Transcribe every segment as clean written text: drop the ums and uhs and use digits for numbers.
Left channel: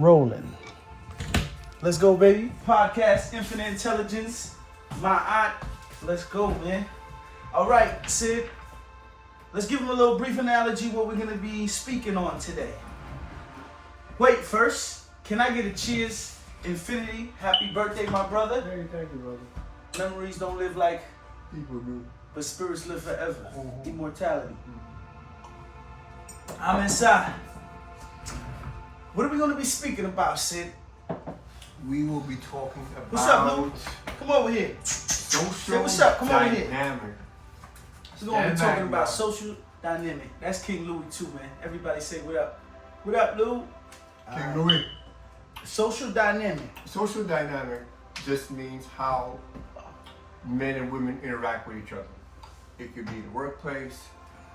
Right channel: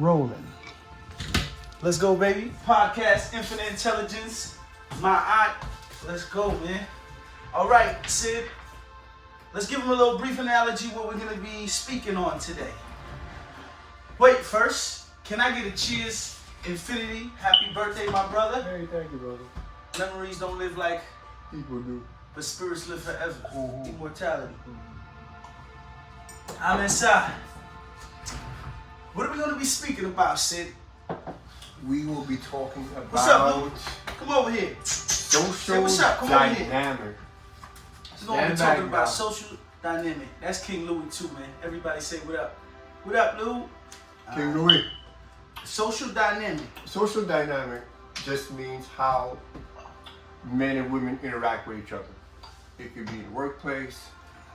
Rolling. Let's go, baby. Podcast Infinite Intelligence. My aunt. Let's go, man. All right, Sid. Let's give him a little brief analogy what we're going to be speaking on today. Wait, first, can I get a cheers? Infinity. Happy birthday, my brother. Hey, thank you, brother. Memories don't live like, People do. but spirits live forever. Mhm. Immortality. I'm inside. What are we going to be speaking about, Sid? We will be talking about What's up, Lou? Come over here. social Hey, what's up? Come over here. dynamic. So we're going to be Yeah, talking man, about bro. social dynamic. That's King Louis too, man. Everybody say what up. What up, Lou? King Louis. Social dynamic. Social dynamic just means how men and women interact with each other. It could be in the workplace,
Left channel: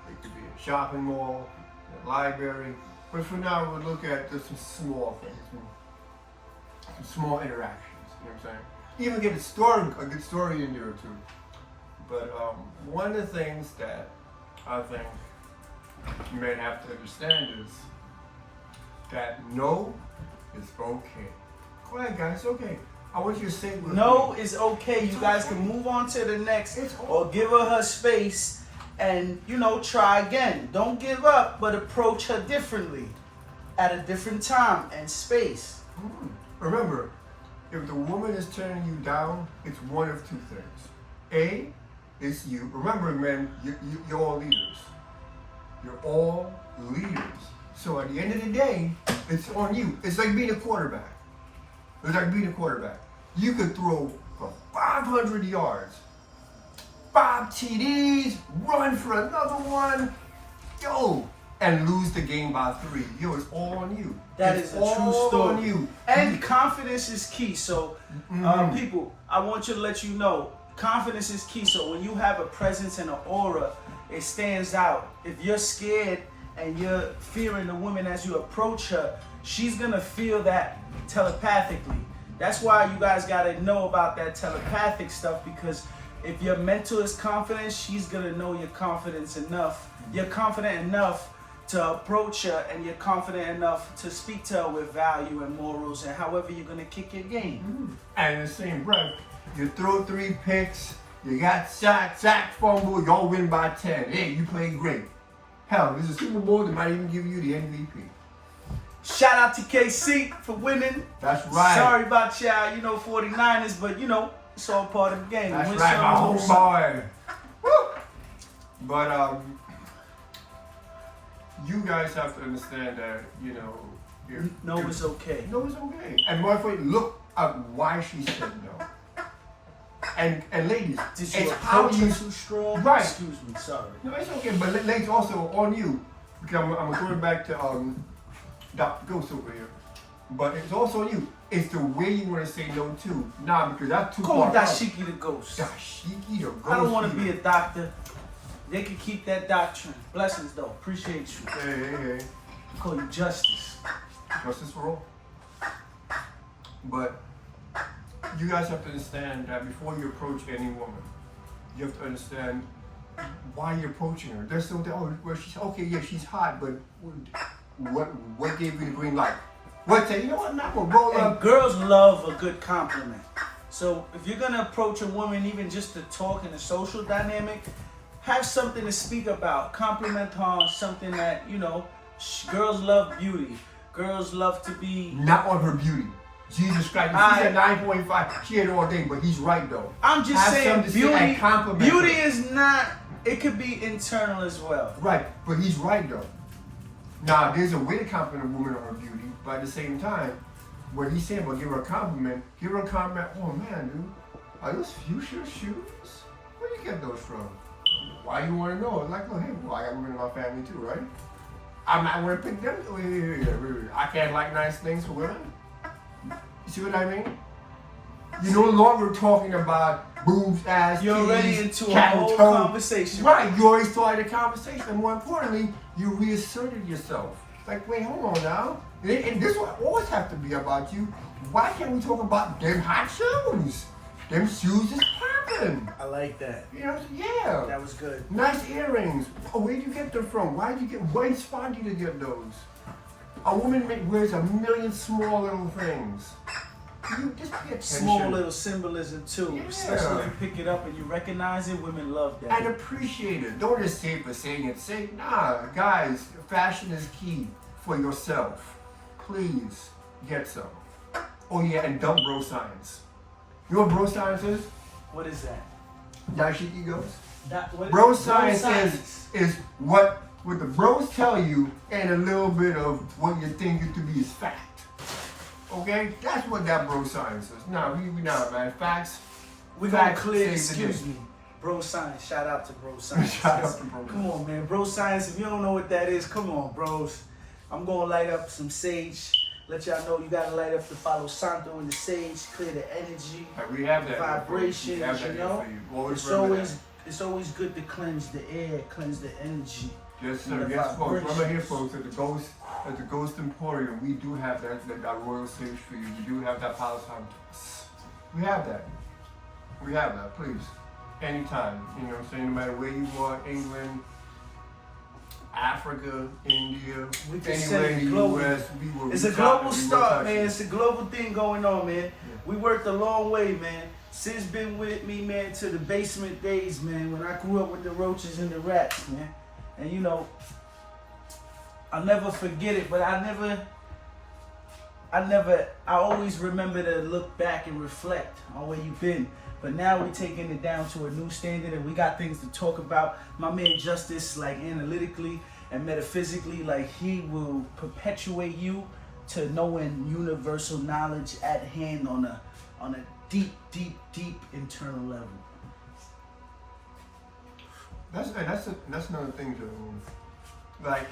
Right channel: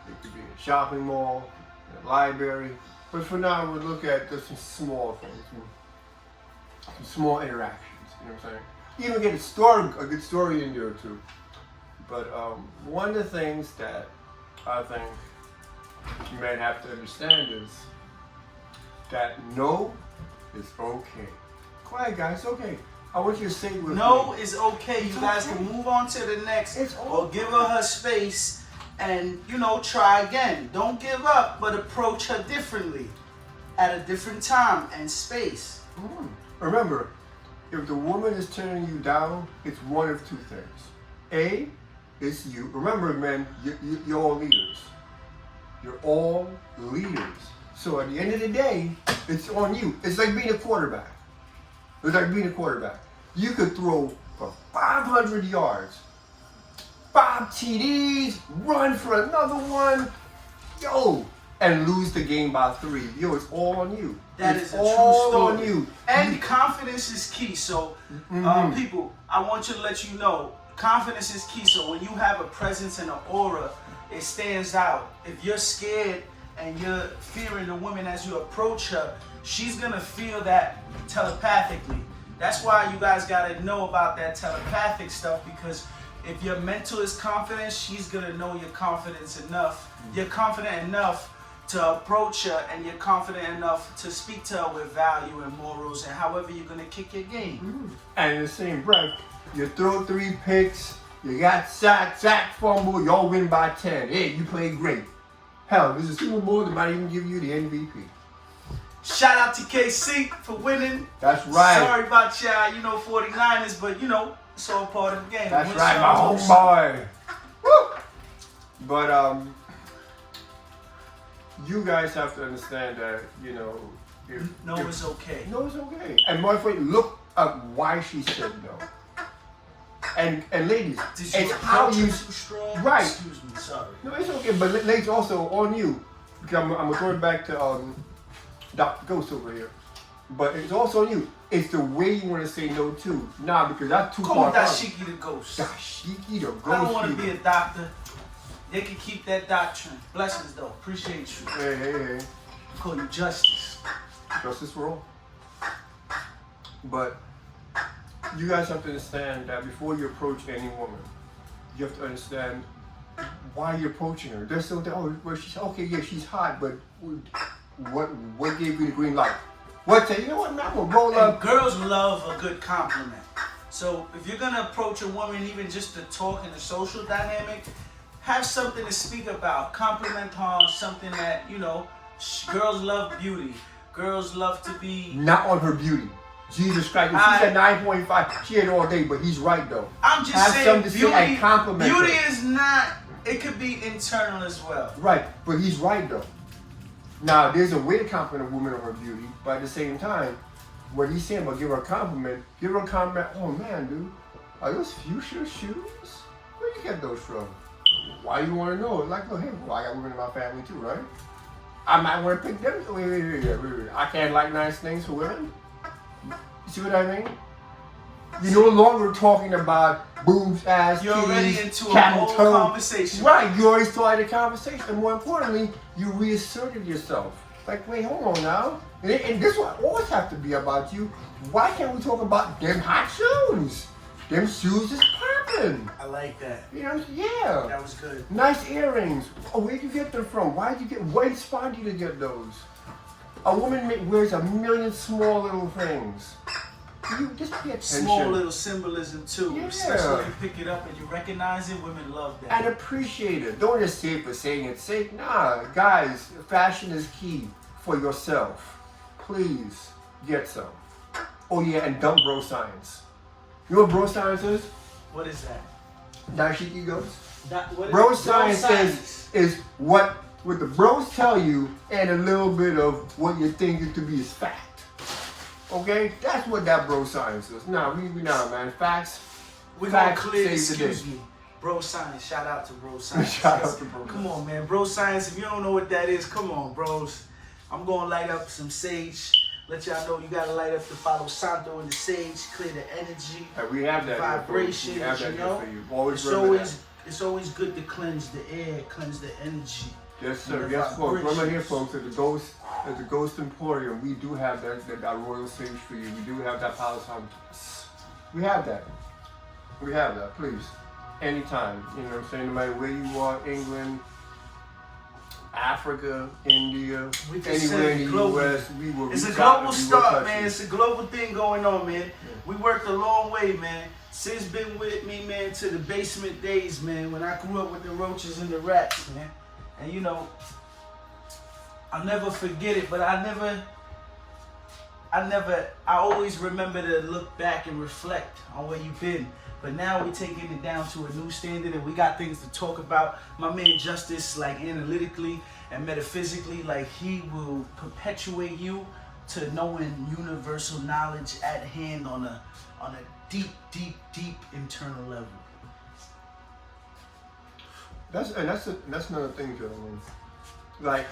it could be in a shopping mall, in a library. But for now, we'll look at just some small things, some small interactions. You know what I'm saying? Even get a good story in there too. But one of the things that I think men have to understand is that no is okay. Go ahead, guys. It's okay. I want you to say it with No me. is okay. You It's guys okay. can move on to the next It's or give her space and, try again. Don't give up, but approach her differently at a different time and space. Remember, if the woman is turning you down, it's one of two things. A, it's you. Remember, men, you're all leaders. You're all leaders. So at the end of the day, it's on you. It's like being a quarterback. You could throw for 500 yards, 5 TDs, run for another one, and lose the game by 3. It's all on you. That It's is a all true story. on you. And confidence is key. So, people, I want you to let you know, confidence is key. So when you have a presence and an aura, it stands out. If you're scared and you're fearing the woman as you approach her, she's gonna feel that telepathically. That's why you guys gotta know about that telepathic stuff, because if your mental is confident, she's gonna know you're confident enough. You're confident enough to approach her, and you're confident enough to speak to her with value and morals and however you're gonna kick your game. And in the same breath, you throw 3 picks, you got sack, fumble, y'all win by 10. Hey, you played great. Hell, there's a Super Bowl that might even give you the MVP. Shout out to KC for winning. That's right. Sorry about y'all, 49ers, but it's all part of the game. That's Win right, some, my lose some. homeboy. Woo! But you guys have to understand that, No, it's okay. No, it's okay. And my friend, look at why she said no. And ladies, Did you it's how approach you. it too strong? Right. Excuse me, sorry. No, it's okay. But ladies, also on you, because I'm gonna throw it back to Dr. Ghost over here. But it's also on you. It's the way you want to say no too. Nah, because that's too Call far. me out. Dashiki the Ghost. Dashiki the Ghost. I don't want to be a doctor. They can keep that doctrine. Blessings though. Appreciate you. Hey. I call you Justice. Justice for all. But you guys have to understand that before you approach any woman, you have to understand why you're approaching her. They're so she's okay, yeah, she's hot, but what gave you the green light? What say, you know what, I'm not gonna roll And up. girls love a good compliment. So if you're gonna approach a woman, even just to talk in a social dynamic, have something to speak about. Compliment her on something that, girls love beauty. Girls love to be. Not on her beauty. Jesus Christ. If she's at 9.5, she had all day, but he's right though. I'm just Have saying, something to say and compliment beauty her. is not. It could be internal as well. Right, but he's right though. Now, there's a way to compliment a woman on her beauty, but at the same time, what he's saying about give her a compliment, oh man, dude, are those fuchsia shoes? Where do you get those from? Why you want to know? Like, oh, hey, well, I got women in my family too, right? I might want to pick them. Wait. I can't like nice things for women. You see what I mean? You're no longer talking about boobs, ass, You're titties, already into a cat and whole toe. conversation. Right, you already started a conversation. And more importantly, you reasserted yourself. Like, wait, hold on now. And this will always have to be about you. Why can't we talk about them hot shoes? Them shoes is popping. I like that. You know, yeah. That was good. Nice earrings. Oh, where'd you get them from? What inspired you to get those? A woman wears a million small little things. You just pay attention. Small little symbolism too. Yeah. Especially if you pick it up and you recognize it, women love that. And appreciate it. Don't just say it for saying it. Say, nah, guys, fashion is key for yourself. Please get some. Oh yeah, and dump bro science. You know what bro science is? What is that? Dashiki goes. What Bro is science is what the bros tell you and a little bit of what you think it to be is fact. Okay? That's what that bro science is. No, we not, man. Facts. We're gonna Facts clear, save the day. excuse me. Bro Science, shout out to Bro Science. Shout out to Bro Come on, man. Bro Science, if you don't know what that is, come on, bros. I'm gonna light up some sage. Let y'all know you gotta light up the Palo Santo and the sage, clear the energy, We have that. vibrations, We have that you know? for you. Always It's remember always, that. it's always good to cleanse the air, cleanse the energy. Yes, sir. the Yes, folks. Remember here, vibrations. folks, at the Ghost Emporium, we do have that royal sage for you. We do have that Palo Santo. We have that. We have that. Please, anytime. You know what I'm saying? No matter where you are, England, Africa, India, We can anywhere send in the global. U.S., we will. It's a reach out global and we will start, touch man. you. It's a global thing going on, man. We worked a long way, man. Sid's been with me, man, to the basement days, man, when I grew up with the roaches and the rats, man. And you know, I'll never forget it, but I always remember to look back and reflect on where you've been. But now we're taking it down to a new standard and we got things to talk about. My man Justice, like analytically and metaphysically, like he will perpetuate you to knowing universal knowledge at hand on a deep, deep, deep internal level. That's another thing, gentlemen. Like,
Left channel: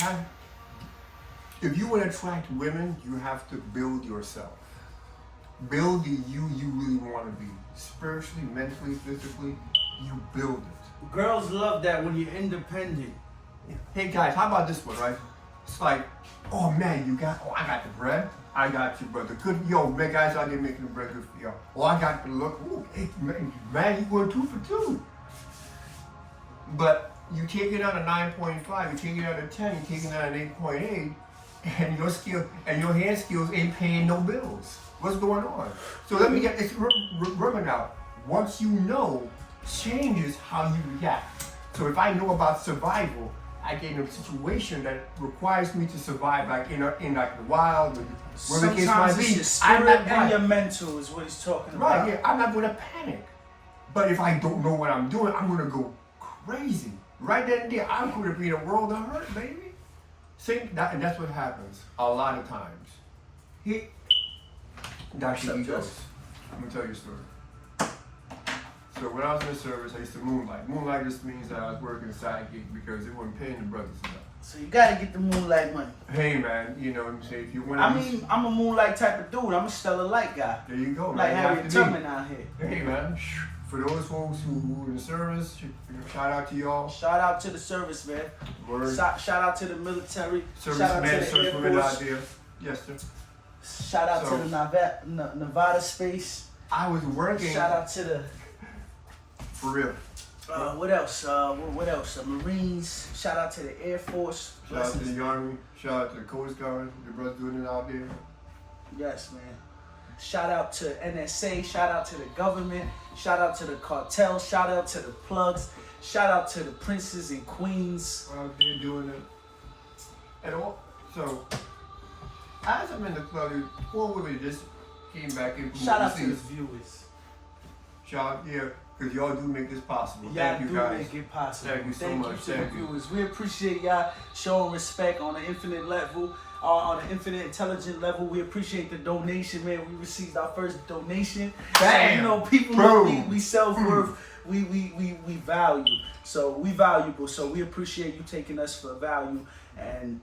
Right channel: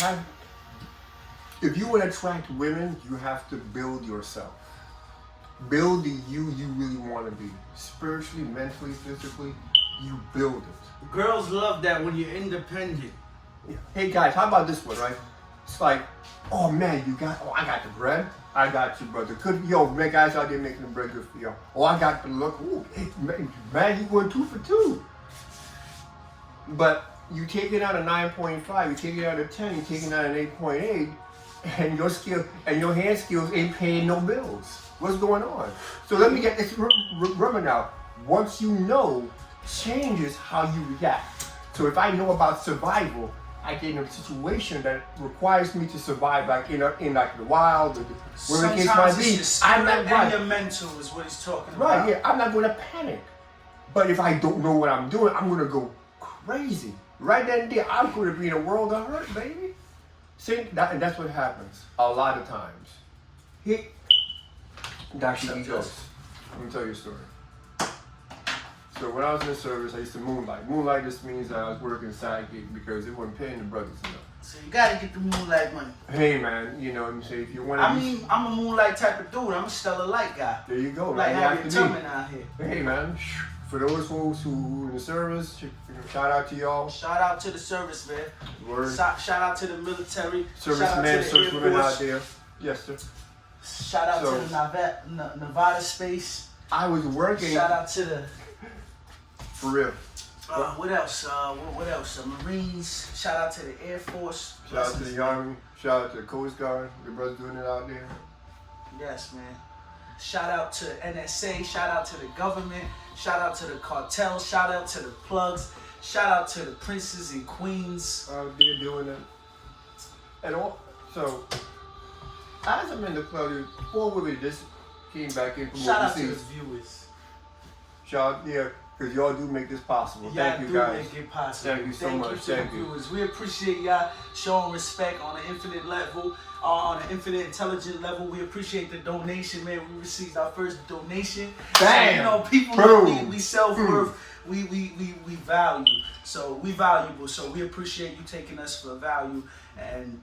if you want to attract women, you have to build yourself. Build the you really want to be. Spiritually, mentally, physically, you build it. Girls love that when you're independent. Hey guys, how about this one, right? It's like, oh man, I got the bread. I got you, brother. Good, yo, man, guys out there making the bread good for y'all. Oh, I got the look. Oh, hey, man, you going 2 for 2. But you take it out of 9.5, you take it out of 10, you take it out of 8.8, and your skill and your hand skills ain't paying no bills. What's going on? So let me get this. Remember now, once you know, changes how you react. So if I know about survival, I get in a situation that requires me to survive, like in like the wild, or where the case might Sometimes it's be. your spirit I'm not and right. your mental is what he's talking Right, about. yeah, I'm not going to panic. But if I don't know what I'm doing, I'm going to go crazy. Right then and there, I'm going to be in a world of hurt, baby. See, and that's what happens a lot of times. Dr. E goes. Let me tell you a story. So when I was in the service, I used to moonlight. Moonlight just means that I was working side gig because they weren't paying the brothers enough. So you gotta get the moonlight money. Hey man, you know what I'm saying? If you want to, I mean, I'm a moonlight type of dude. I'm a stellar light guy. there you go, Like man. Harriet You have to Tubman out here. be. Hey man, for those folks who in the service, shout out to y'all. Shout out to the service, man. Word. Shout out to the military. Servicemen, shout out to the servicewomen Air out Force. there. Yes, sir. Shout out So- to the Nevada space. I was working Shout out to the for real. what else? What else? Marines. Shout out to the Air Force. Shout out to the Army. Shout out to the Coast Guard. Your brothers doing it out there. Yes, man. Shout out to NSA. Shout out to the government. Shout out to the cartel. Shout out to the plugs. Shout out to the princes and queens. Out there doing it. And all, so, as I'm in the club, before we just came back in from Shout out to the overseas. viewers. Shout out, yeah, because y'all do make this possible. Thank you do guys. make it possible. Thank you so much. To Thank the you. viewers. We appreciate y'all showing respect on an infinite level, on an infinite intelligent level. We appreciate the donation, man. We received our first donation. Bam! So, you know, people know Boom! we self-worth. We value. So we valuable. So we appreciate you taking us for value and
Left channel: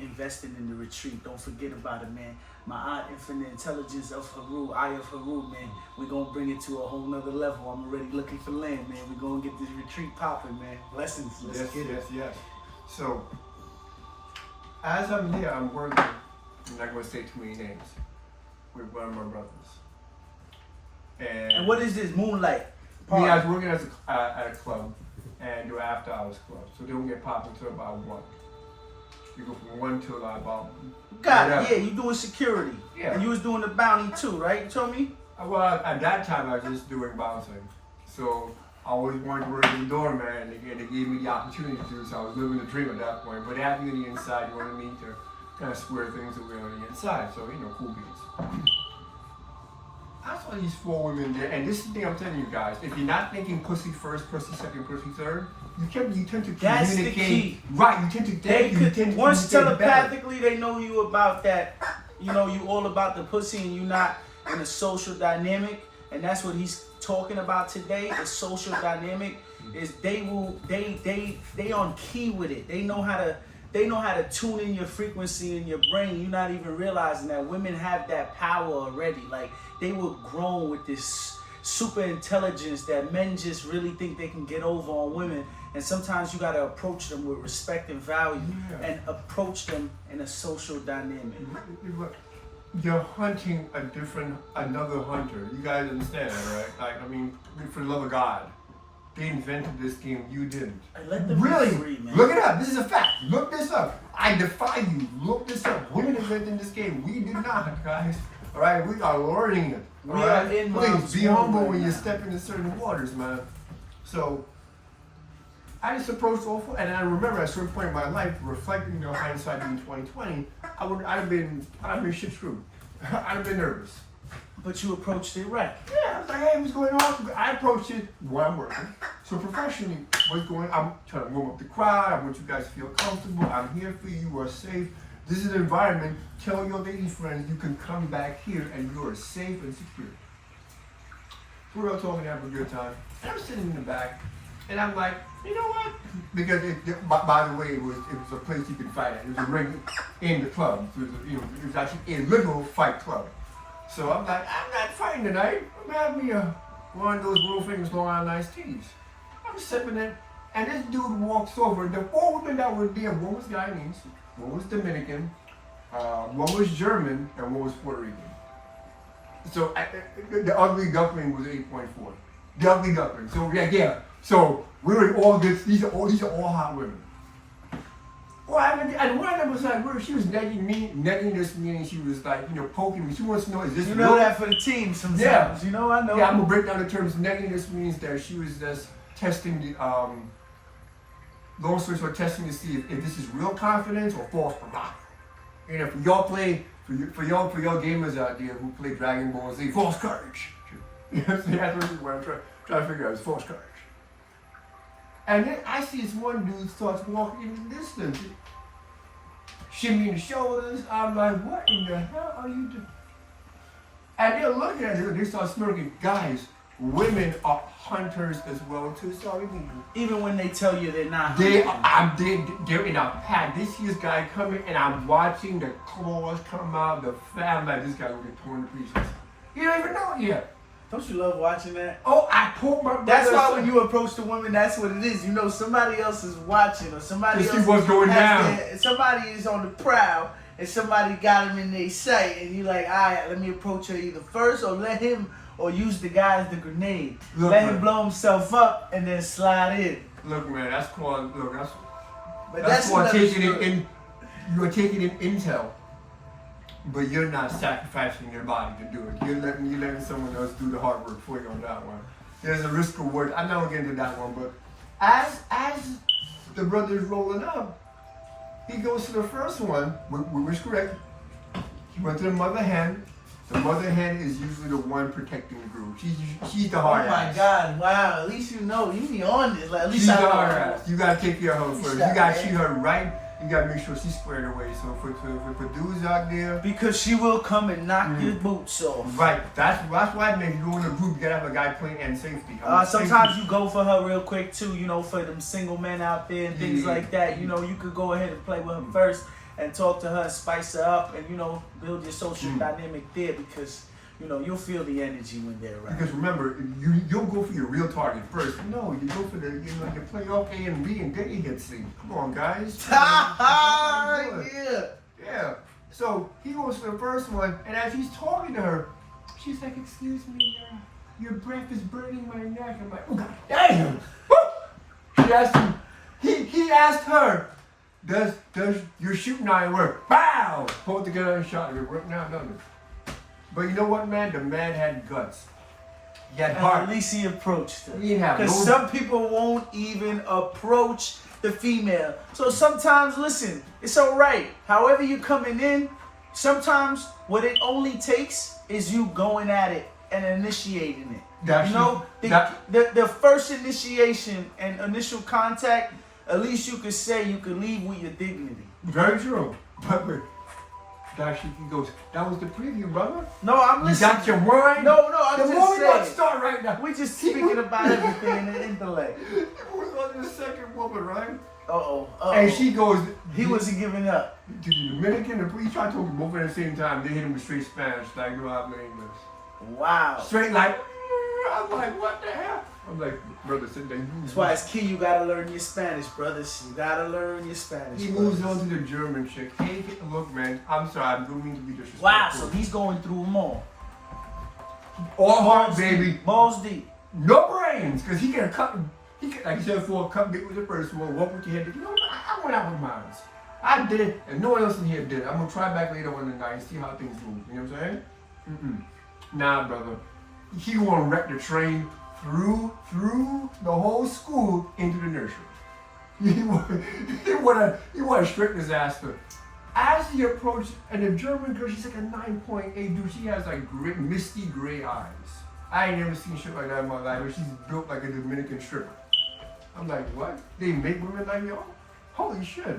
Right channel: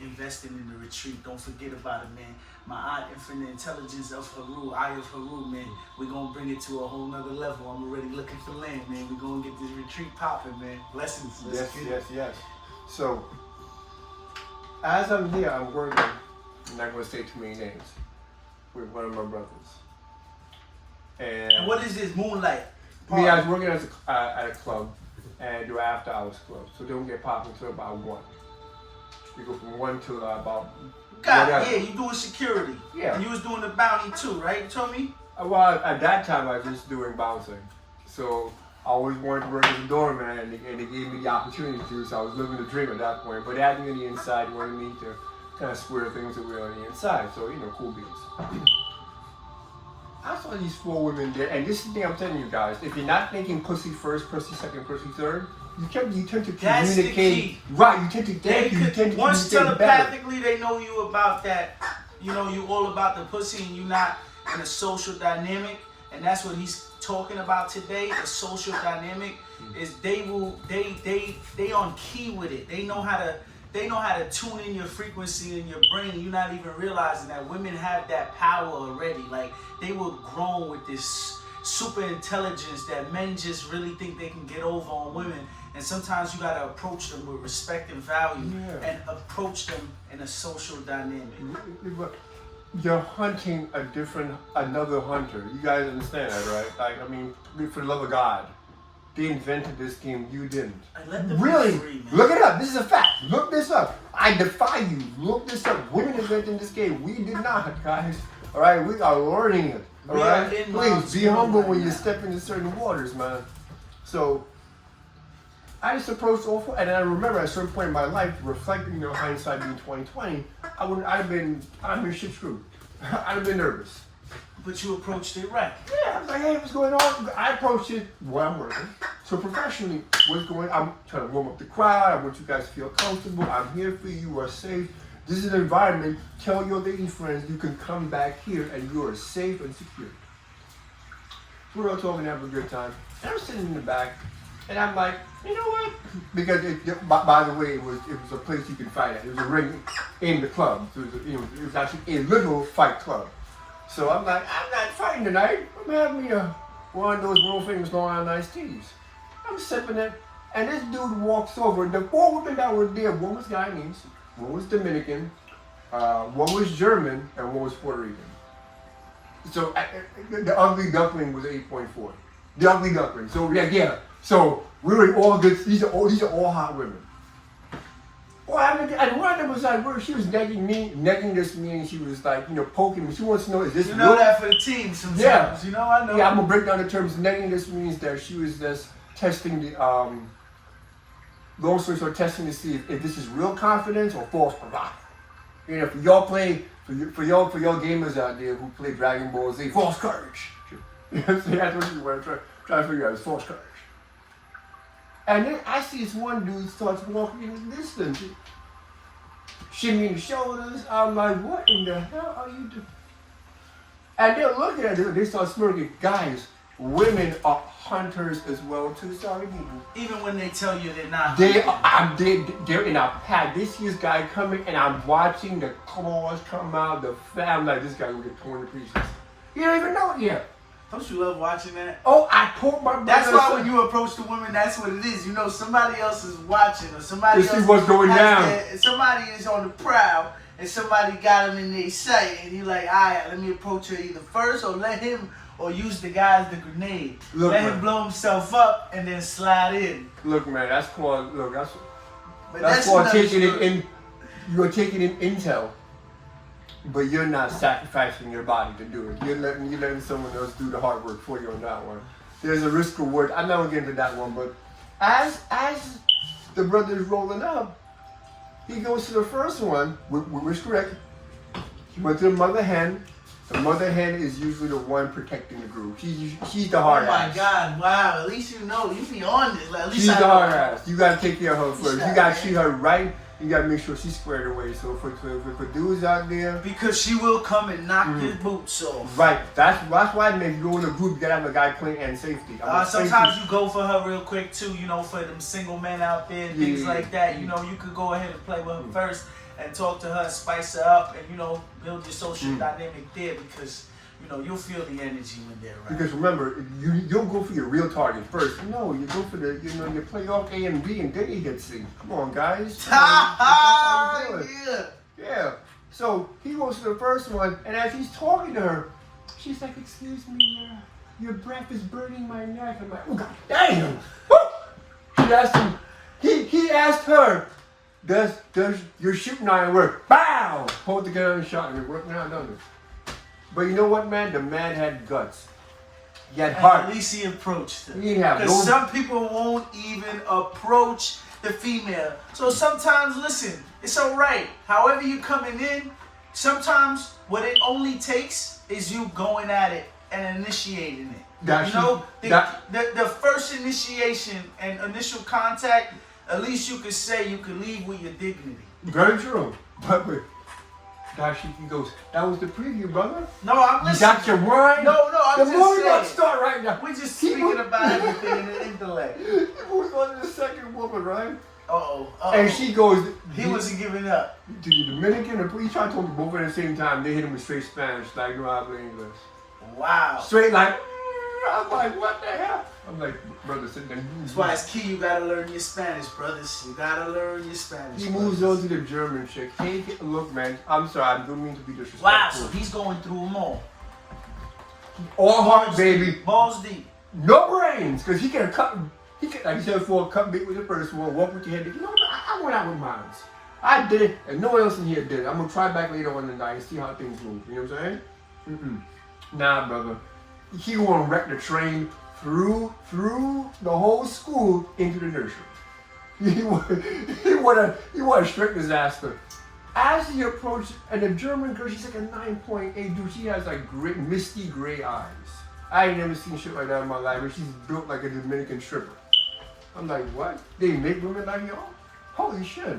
investing in the retreat. Don't forget about it, man. My aunt, Infinite Intelligence of Haru, Eye of Haru, man. We're gonna bring it to a whole nother level. I'm already looking for land, man. We're gonna get this retreat popping, man. Blessings. Let's get it. Yes. So, as I'm here, I'm working, I'm not going to say too many names, with one of my brothers. And what is this moonlight? I was working at a club and do after hours club, so they don't get popped until about 1. You go from 1 to about. God, whatever. yeah, you doing security. Yeah. And you was doing the bounty too, right? You told me? Well, at that time, I was just doing bouncing. So I always wanted to work as a doorman, and they gave me the opportunity to, so I was living the dream at that point. But having me on the inside, you wanted me to kind of square things away on the inside. So, cool beats. I saw these 4 women there, and this is the thing I'm telling you guys. If you're not thinking pussy first, pussy second, pussy third, you tend to communicate. That's the key. Right, you tend to Once communicate better. telepathically they know you about that, you all about the pussy and you not in a social dynamic, and that's what he's talking about today. The social dynamic is they on key with it. They know how to tune in your frequency in your brain. You're not even realizing that women have that power already. Like they were grown with this super intelligence that men just really think they can get over on women. And sometimes you gotta approach them with respect and value, and approach them in a social dynamic. You're hunting another hunter. You guys understand that, right? Like, I mean, for the love of God, they invented this game. You didn't. Let them Really? be free, man. Look it up. This is a fact. Look this up. I defy you. Look this up. Women invented this game. We did not, guys. All right, we are learning it. All We right, are in please mom's be humble world when right you now. step into certain waters, man. So I just approached all 4, and I remember at a certain point in my life, reflecting, hindsight being 2020, I'd have been shit screwed. I'd have been nervous. But you approached it right. Yeah, I was like, hey, what's going on? I approached it while I'm working. So professionally, I'm trying to warm up the crowd. I want you guys to feel comfortable. I'm here for you. You are safe. This is an environment. Tell your lady friends you can come back here and you are safe and secure. We're all talking, having a good time. And I'm sitting in the back, and I'm like, you know what? Because by the way, it was a place you could fight at. It was a ring in the club. So it was actually a literal fight club. So I'm like, I'm not fighting tonight. I'm having me one of those world famous Long Island iced teas. I'm sipping it, and this dude walks over. The 4 women that were there, one was Guyanese, one was Dominican, one was German, and one was Puerto Rican. So the ugly duckling was 8.4. The ugly duckling. So yeah. So we were all good. These are all hot women. Oh, and one of them was like, she was negging this me, and she was like, poking me. She wants to know, is this You real? know that for the team sometimes. Yeah. I know. Yeah, I'm gonna break down the terms. Negging this means that she was just testing the long story short, testing to see if this is real confidence or false bravado. For y'all play for y'all gamers out there who play Dragon Ball Z, false courage. That's what you want to try to figure out is false courage. And then I see this one dude starts walking in the distance, shimmying the shoulders. I'm like, what in the hell are you doing? And they're looking at it, they start smirking. Guys, women are hunters as well too. Sorry, Even when they tell you they're not. they're in a pack. They see this guy coming, and I'm watching the claws come out. I'm like, this guy will get torn to pieces. You don't even know it yet. Don't you love watching that? Oh, I pulled my brother. That's why when you approach the women, that's what it is. Somebody else is watching, or somebody To see else what's going down. somebody is on the prowl, and somebody got him in their sight, and you're like, all right, let me approach her either first, or let him, or use the guy as the grenade. Look, let man. him blow himself up, and then slide in. Look, man, that's called But that's called another taking it story. in. You're taking in intel, but you're not sacrificing your body to do it. You're letting someone else do the hard work for you on that one. There's a risk reward. I'm not gonna get into that one, but as the brother is rolling up, he goes to the first one, which was correct. He went to the mother hen. The mother hen is usually the one protecting the group. She's the hard Oh ass. my God! Wow. At least you know. You be on this. Like, at least She's I the know. hard ass. You gotta take care of her first. You Shut gotta up, treat her right. You gotta make sure she's squared away. So for dudes out there, Because she will come and knock your boots off. right? That's why if you go in a group, you gotta have a guy playing and safety. Sometimes you go for her real quick too, for them single men out there and things Yeah. like that. You could go ahead and play with her first and talk to her and spice her up and, build your social dynamic there because, you'll feel the energy when they're around. Because remember, you don't go for your real target first. No, you go for you play off A and B and then you get C. Come on, guys. That's how you do it. Yeah. Yeah. So he goes to the first one, and as he's talking to her, she's like, "Excuse me, your breath is burning my neck." I'm like, "Oh God, damn!" Woo! She asked him. He asked her, Does your shooting iron work? Bow! Hold the gun and shot. Does it work now? No. But you know what, man? The man had guts. He had heart. At least he approached her. He didn't have Because no- some people won't even approach the female. So sometimes, listen, it's all right. However you coming in, sometimes what it only takes is you going at it and initiating it. The first initiation and initial contact, at least you could say you could leave with your dignity. Very true. But he goes, that was the preview, brother. No, I'm You listening. got your wine? No, I'm the just movie saying. don't start right now. We're just speaking about everything in the intellect. He was on the second woman, right? Uh-oh. And she goes, He wasn't giving up. to the Dominican and he tried to talk to both at the same time. They hit him with straight Spanish, like no habla English. Wow. Straight like, I'm like, what the hell? I'm like, brother, sit there. That's why it's key. You gotta learn your Spanish, brothers. You gotta learn your Spanish. He moves on to the German chick. Hey, look, man, I'm sorry, I don't mean to be disrespectful. Wow. So he's going through them all. All heart, Balls baby. deep. Balls deep. No brains, because he can cut, like you said before, cut big with the first one, walk with your head. You know, I went out with mine. I did it, and no one else in here did it. I'm gonna try back later on in the night and see how things move. You know what I'm saying? Nah, brother. He wanna wreck the train through the whole school into the nursery. He wanna straight disaster. As he approached, and the German girl, she's like a 9.8, dude. She has like misty gray eyes. I ain't never seen shit like that in my life, but she's built like a Dominican stripper. I'm like, what? They make women like y'all? Holy shit.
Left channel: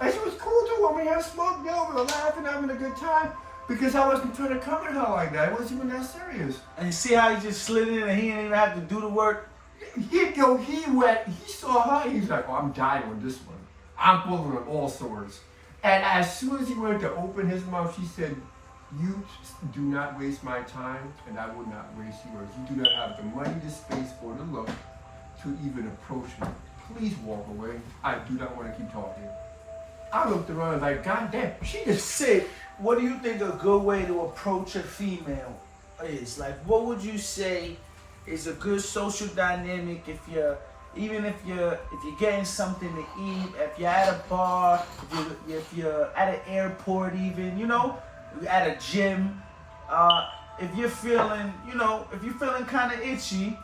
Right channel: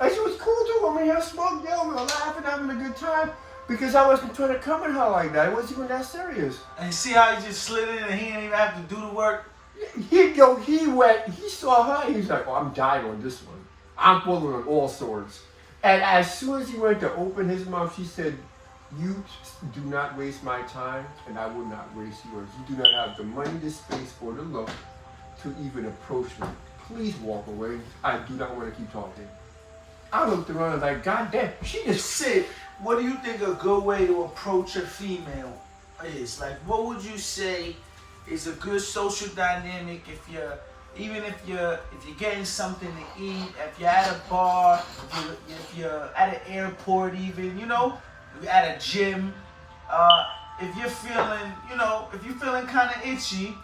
And she was cool too. I mean, her smoked, yo, we were laughing, having a good time. Because I wasn't trying to come at her like that. It wasn't even that serious. And see how he just slid in and he didn't even have to do the work? He saw her, he's like, oh, I'm dying on this one. I'm pulling on all swords. And as soon as he went to open his mouth, she said, you do not waste my time, and I will not waste yours. You do not have the money, the space, or the look to even approach me. Please walk away. I do not want to keep talking. I looked around and like, God damn, she just Sid, what do you think a good way to approach a female is? Like, what would you say is a good social dynamic if you're getting something to eat, if you're at a bar, if you're at an airport even, you know, at a gym, if you're feeling kind of itchy,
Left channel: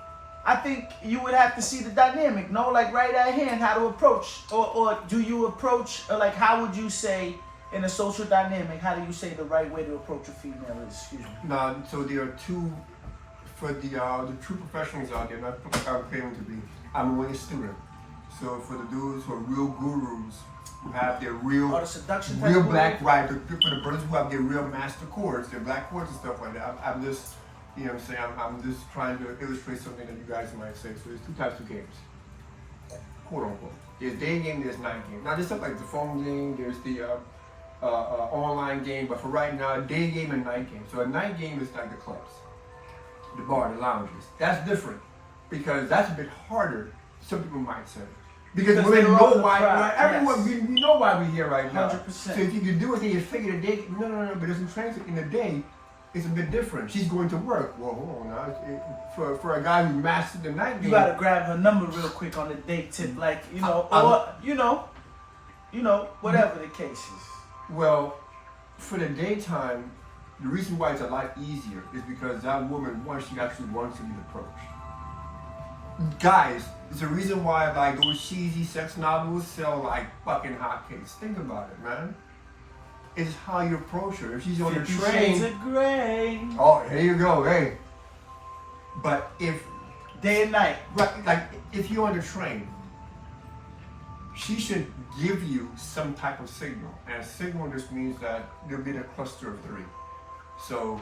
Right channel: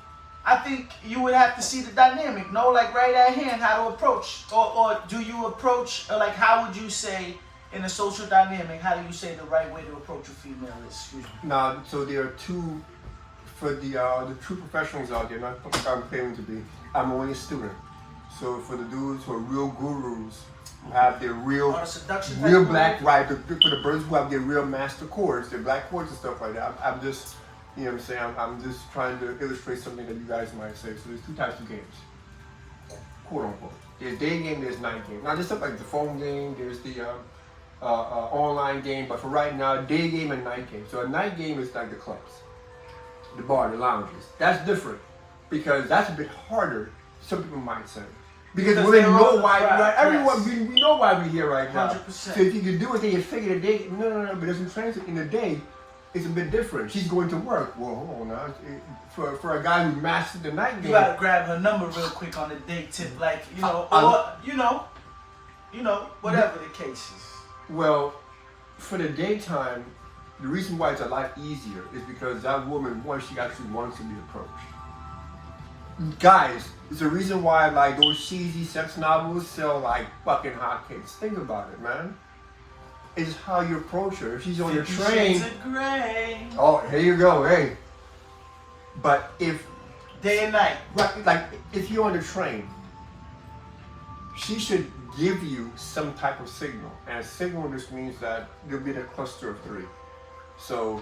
I think you would have to see the dynamic, no? Like right at hand, how to approach, or do you approach, or like how would you say in a social dynamic, how do you say the right way to approach a female is? Excuse me. No, so there are two, for the true professionals out there, not I'm claiming to be, I'm only a student. So for the dudes who are real gurus, who have their real black, right, for the brothers who have their real master chords, their black chords and stuff like that, I'm just, you know what I'm saying, I'm just trying to illustrate something that you guys might say. So there's two types of games, quote unquote. There's day game, there's night game. Now there's stuff like the phone game, there's the online game, but for right now, day game and night game. So a night game is like the clubs, the bar, the lounges. That's different because that's a bit harder, some people might say. Because we know why, right? Everyone, we know why we're here right now. 100%. So if you can do it, then you figure the day, no, but as I'm saying, in the day, it's a bit different. She's going to work. Well, hold on now. For a guy who mastered the night game. You gotta grab her number real quick on the date tip, like, you know, or, you know, whatever the case is. Well, for the daytime, the reason why it's a lot easier is because that woman, one, she actually wants to be approached. Guys, it's the reason why like those cheesy sex novels sell like fucking hotcakes. Think about it, man. It's how you approach her. If she's on the 50 train. Shades of Grey. Oh, here you go, hey. But if Day and night. right, like if you're on the train, she should give you some type of signal. And a signal just means that there'll be a cluster of three. So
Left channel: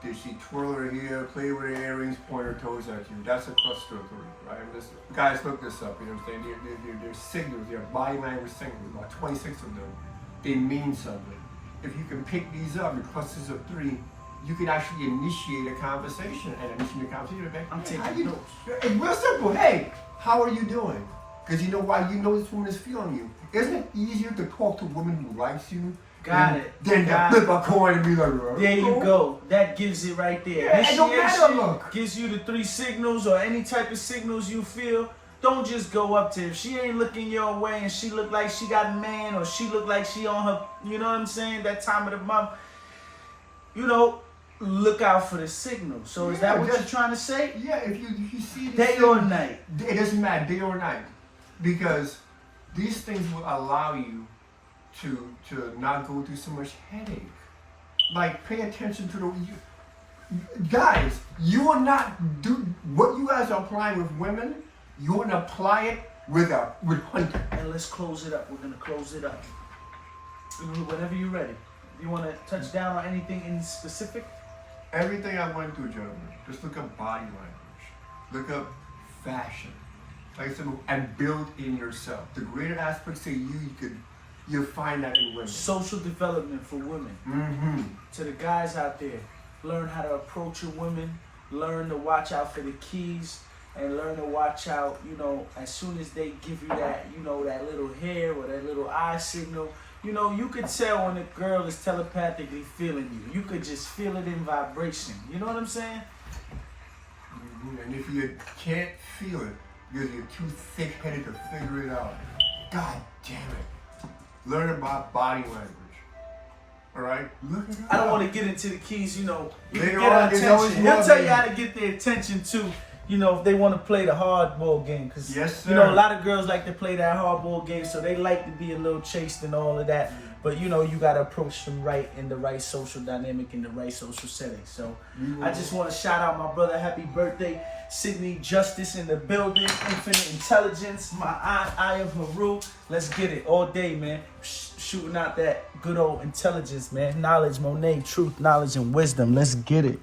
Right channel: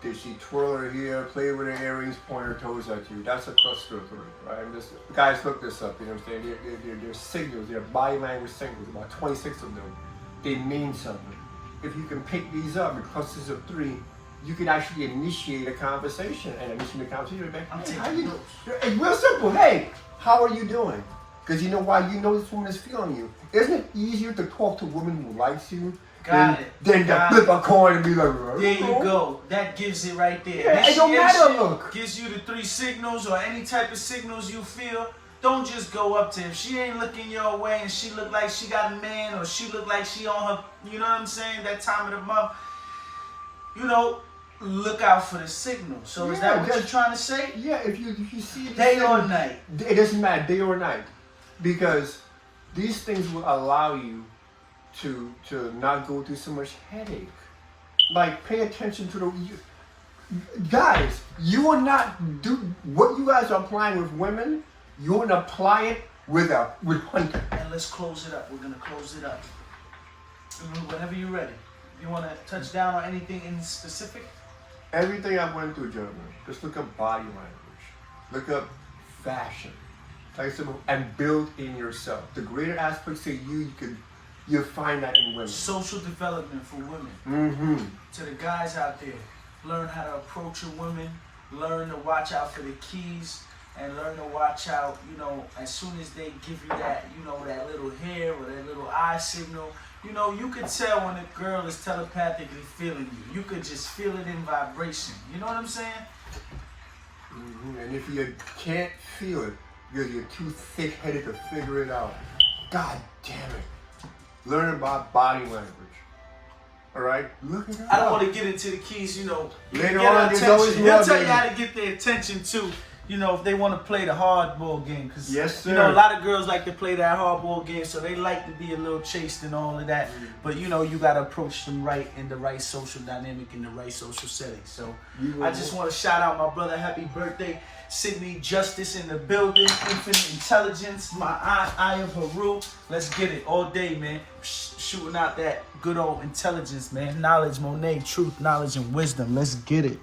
did she twirl her hair, play with her earrings, point her toes at you? That's a cluster of three, right? Guys, look this up, you know what I'm saying? They're signals, they're body language signals, about 26 of them. They mean something. If you can pick these up, the clusters of three, you can actually initiate a conversation. And initiate a conversation, like, hey, how you doing? It's real simple. Hey, how are you doing? Because you know why? You know this woman is feeling you. Isn't it easier to talk to a woman who likes you than to flip a coin and be like, there you go. That gives it right there. Yeah, it don't matter, look. Gives you the three signals or any type of signals you feel. don't just go up to her. If she ain't looking your way and she look like she got a man, or she look like she on her, you know what I'm saying, that time of the month, you know, look out for the signal. So is that what you're trying to say? Yeah, if you see these Day things, or night. it doesn't matter, day or night, because these things will allow you to not go through so much headache. Like, pay attention to guys. You will not do what you guys are applying with women. You want to apply it with hunting. And let's close it up. We're gonna close it up. Whenever you're ready. You want to touch down on anything in specific? Everything I went through, gentlemen, just look up body language, look up fashion, like I said, and build in yourself. The greater aspects of you'll find that in women. Social development for women. Mm-hmm. To the guys out there, learn how to approach a woman, learn to watch out for the keys, and learn to watch out, you know, as soon as they give you that, you know, that little hair or that little eye signal. You know, you could tell when a girl is telepathically feeling you. You could just feel it in vibration. You know what I'm saying? Mm-hmm. And if you can't feel it because you're too thick-headed to figure it out, God damn it. Learn about body language. All right? Look it up. I don't want to get into the keys, you know. Later get on, there's always more. He'll tell you how to get their attention, too. You know, if they want to play the hardball game. Because, yes, sir. You know, a lot of girls like to play that hardball game, so they like to be a little chaste and all of that. Mm-hmm. But, you know, you got to approach them right in the right social dynamic, in the right social setting. So, I just want to shout out my brother. Happy birthday. Sydney Justice in the building. Infinite Intelligence. My I am Haru. Let's get it all day, man. Shooting out that good old intelligence, man. Knowledge, Monet, truth, knowledge, and wisdom. Let's get it.